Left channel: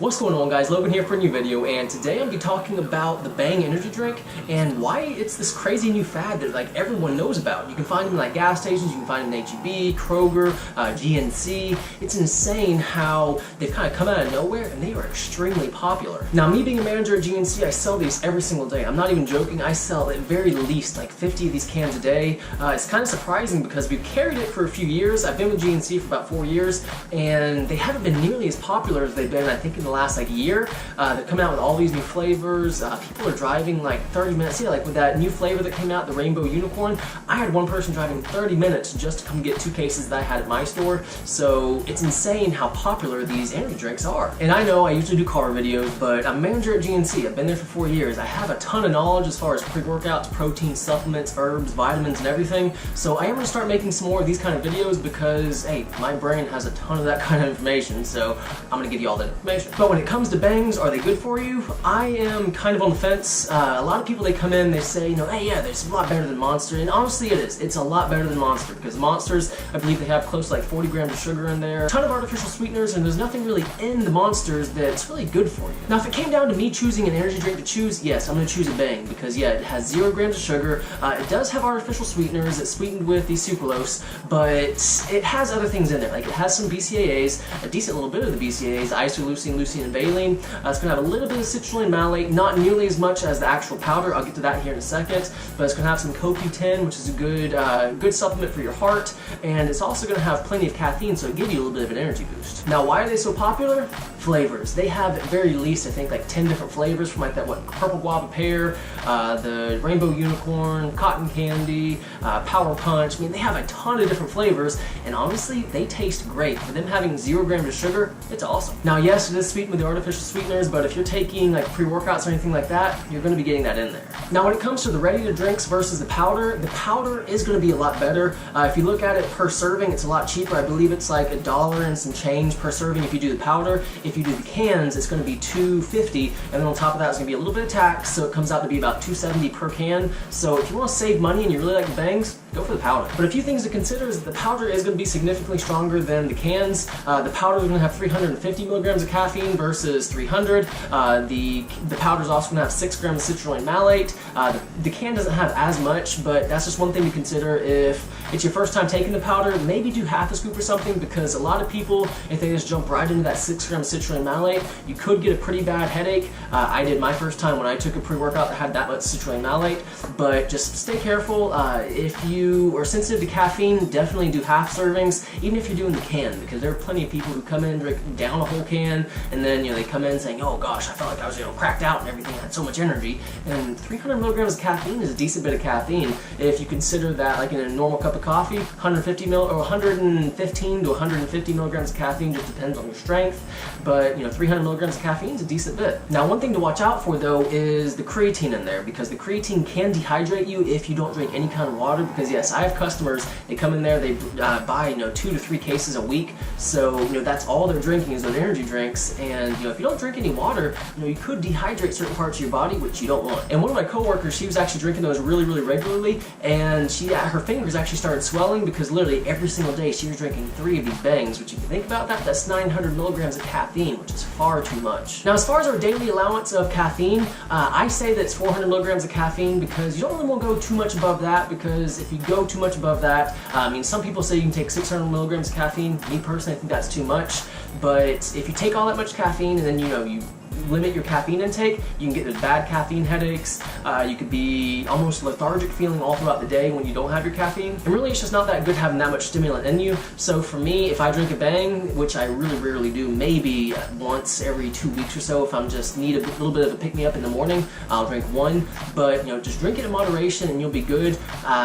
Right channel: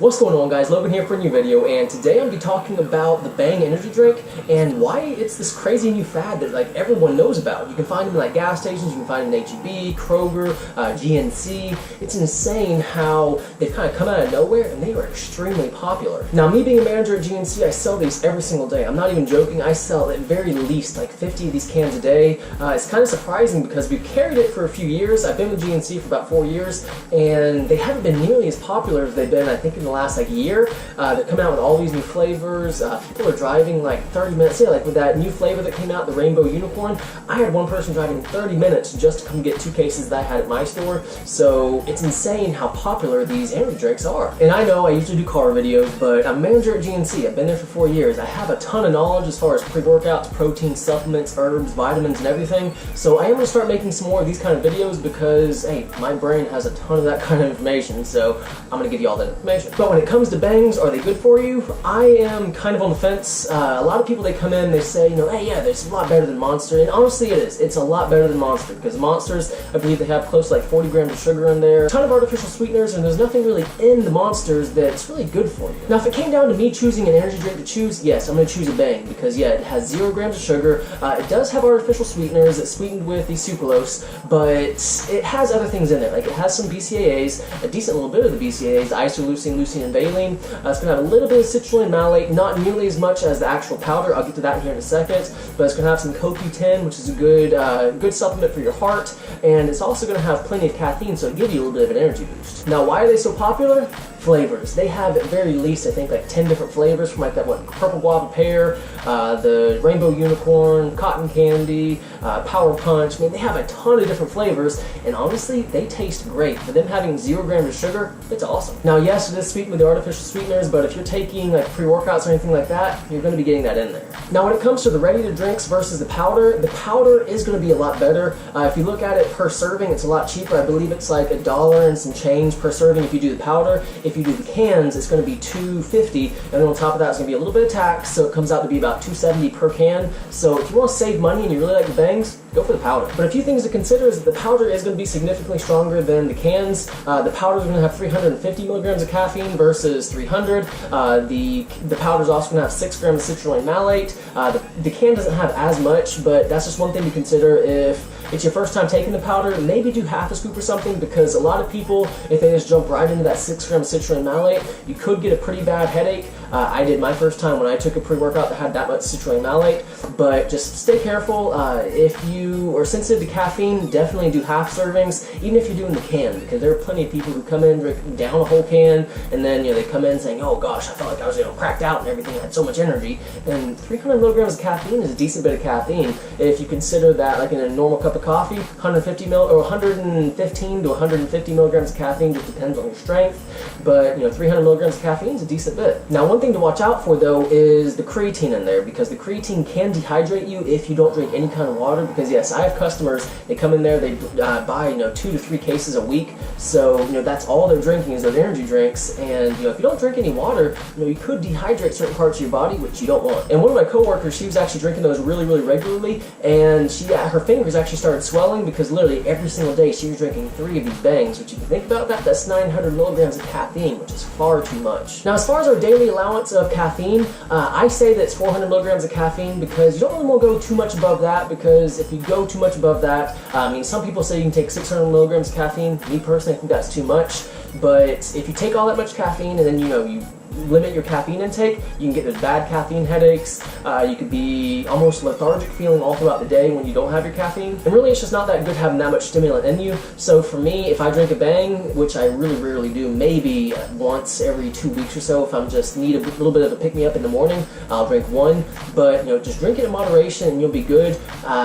What's going on, guys? Logan here for a new video, and today I'm going to be talking about the Bang energy drink and why it's this crazy new fad that like everyone knows about. You can find them in like gas stations, you can find them in H-E-B, Kroger, GNC. It's insane how they've kind of come out of nowhere and they are extremely popular. Now, me being a manager at GNC, I sell these every single day. I'm not even joking. I sell at very least like 50 of these cans a day. It's kind of surprising because we've carried it for a few years. I've been with GNC for about 4 years, and they haven't been nearly as popular as they've been, I think, in the last like year. They're coming out with all these new flavors. People are driving like 30 minutes. Yeah, like with that new flavor that came out, the Rainbow Unicorn, I had one person driving 30 minutes just to come get 2 cases that I had at my store. So it's insane how popular these energy drinks are. And I know I usually do car videos, but I'm a manager at GNC. I've been there for 4 years. I have a ton of knowledge as far as pre-workouts, protein, supplements, herbs, vitamins, and everything. So I am going to start making some more of these kind of videos because, hey, my brain has a ton of that kind of information, so I'm going to give you all that information. But when it comes to Bangs, are they good for you? I am kind of on the fence. A lot of people, they come in, they say, you know, hey, yeah, it's a lot better than Monster, and honestly it is. It's a lot better than Monster because Monsters, I believe they have close to like 40 grams of sugar in there, a ton of artificial sweeteners, and there's nothing really in the Monsters that's really good for you. Now, if it came down to me choosing an energy drink to choose, yes, I'm going to choose a Bang because, yeah, it has 0 grams of sugar. It does have artificial sweeteners. It's sweetened with the sucralose, but it has other things in there. Like, it has some BCAAs, a decent little bit of the BCAAs, isoleucine, leucine, and valine. It's going to have a little bit of citrulline malate, not nearly as much as the actual powder. I'll get to that here in a second. But it's going to have some CoQ10, which is a good supplement for your heart. And it's also going to have plenty of caffeine, so it'll give you a little bit of an energy boost. Now, why are they so popular? Flavors. They have at very least, I think, like 10 different flavors from like that, purple guava pear, the rainbow unicorn, cotton candy, power punch. I mean, they have a ton of different flavors, and honestly, they taste great. For them having 0 grams of sugar, it's awesome. Now, yes, it is sweetened with the artificial sweeteners, but if you're taking like pre-workouts or anything like that, you're going to be getting that in there. Now, when it comes to the ready-to-drinks versus the powder is going to be a lot better. If you look at it per serving, it's a lot cheaper. I believe it's like $1 and some change per serving if you do the powder. If you do the cans, it's going to be $2.50, and then on top of that, it's going to be a little bit of tax, so it comes out to be about $2.70 per can. So if you want to save money and you really like the Bangs, go for the powder. But a few things to consider is that the powder is going to be significantly stronger than the cans. The powder is going to have 350 milligrams of caffeine versus 300. The powder is also going to have 6 grams of citrulline malate. The can doesn't have as much, but that's just one thing to consider. If it's your first time taking the powder, maybe do half a scoop or something, because a lot of people, if they just jump right into that 6 grams of citrulline malate, you could get a pretty bad headache. I did my first time when I took a pre-workout that had that much citrulline malate, but just stay careful. If you are sensitive to caffeine, definitely do half servings, even if you're doing the can, because there are plenty of people who come in, drink down a whole can, and then, you know, they come in saying, oh gosh, I felt like I was, you know, cracked out and everything, I had so much energy. And 300 milligrams of caffeine is a decent bit of caffeine. If you consider that, like in a normal cup of coffee, 115 to 150 milligrams of caffeine, just depends on your strength, but, you know, 300 milligrams of caffeine is a decent bit. Now, one thing to watch out for though is the creatine in there, because the creatine can dehydrate you if you don't drink any kind of water. Because yes, I have customers, they come in there, they buy, you know, 2 to 3 cases a week, so, you know, that's all they're drinking is those energy drinks. And, you know, if you don't drink any water, you know, you could dehydrate certain parts of your body, which you don't want. And one of my coworkers, she was actually drinking those really regularly, and her fingers actually started swelling because literally every single day she was drinking 3 of these Bangs, which if you think about that, that's 900 milligrams of caffeine, which is far too much. Now, as far as our daily allowance of caffeine, I say that it's 400 milligrams of caffeine because you don't really want to go too much above that, because if you go too much above that, I mean, some people say you can take 600 milligrams of caffeine. Me personally, I think that's too much. But if you take all that much caffeine and then, you know, you limit your caffeine intake, you can get those bad caffeine headaches. You could be almost lethargic feeling all throughout the day when you don't have your caffeine. And really, it's just not that good having that much stimulant in you. So for me, if I drink a Bang, which I really rarely do, maybe once every 2 weeks or so, if I'm just need a little bit of a pick-me-up in the morning, I'll drink 1. But, you know, just drink it in moderation and you'll be good.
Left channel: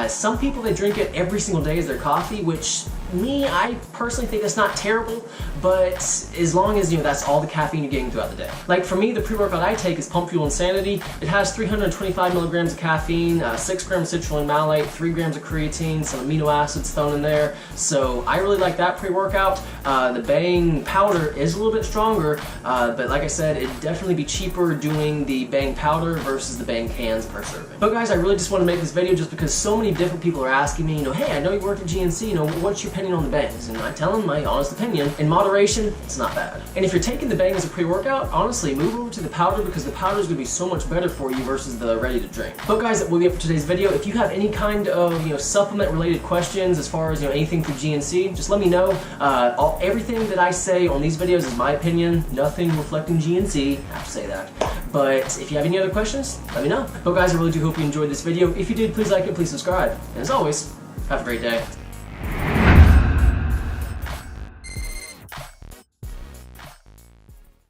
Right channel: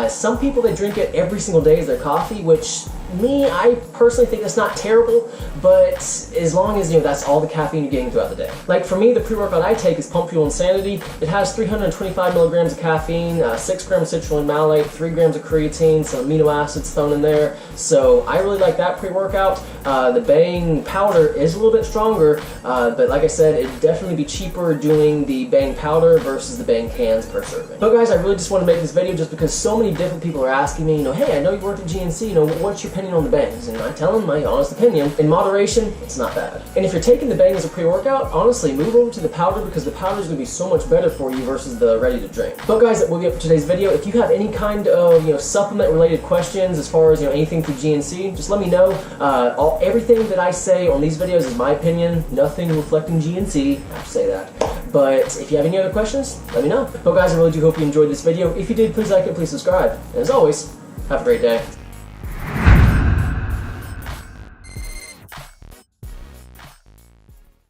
Some people, they drink it every single day as their coffee, which me, I personally think that's not terrible, but as long as, you know, that's all the caffeine you're getting throughout the day. Like Like for me, the pre-workout I take is Pump Fuel Insanity. It has 325 milligrams of caffeine, 6 grams of citrulline malate, 3 grams of creatine, some amino acids thrown in there. So I really like that pre-workout. The Bang powder is a little bit stronger, but like I said, it'd definitely be cheaper doing the Bang powder versus the Bang cans per serving. But guys, I really just want to make this video just because so many different people are asking me, hey, I know you work at GNC, what's your opinion on the Bangs? And I tell them my honest opinion. In moderation, it's not bad. And if you're taking the Bang as a pre-workout, honestly, move over to the powder because the powder is going to be so much better for you versus the ready to drink. But guys, that will be it for today's video. If you have any kind of supplement related questions as far as anything through GNC, just let me know. Everything that I say on these videos is my opinion, nothing reflecting GNC. I have to say that. But if you have any other questions, let me know. But guys, I really do hope you enjoyed this video. If you did, please like it, please subscribe. And as always, have a great day.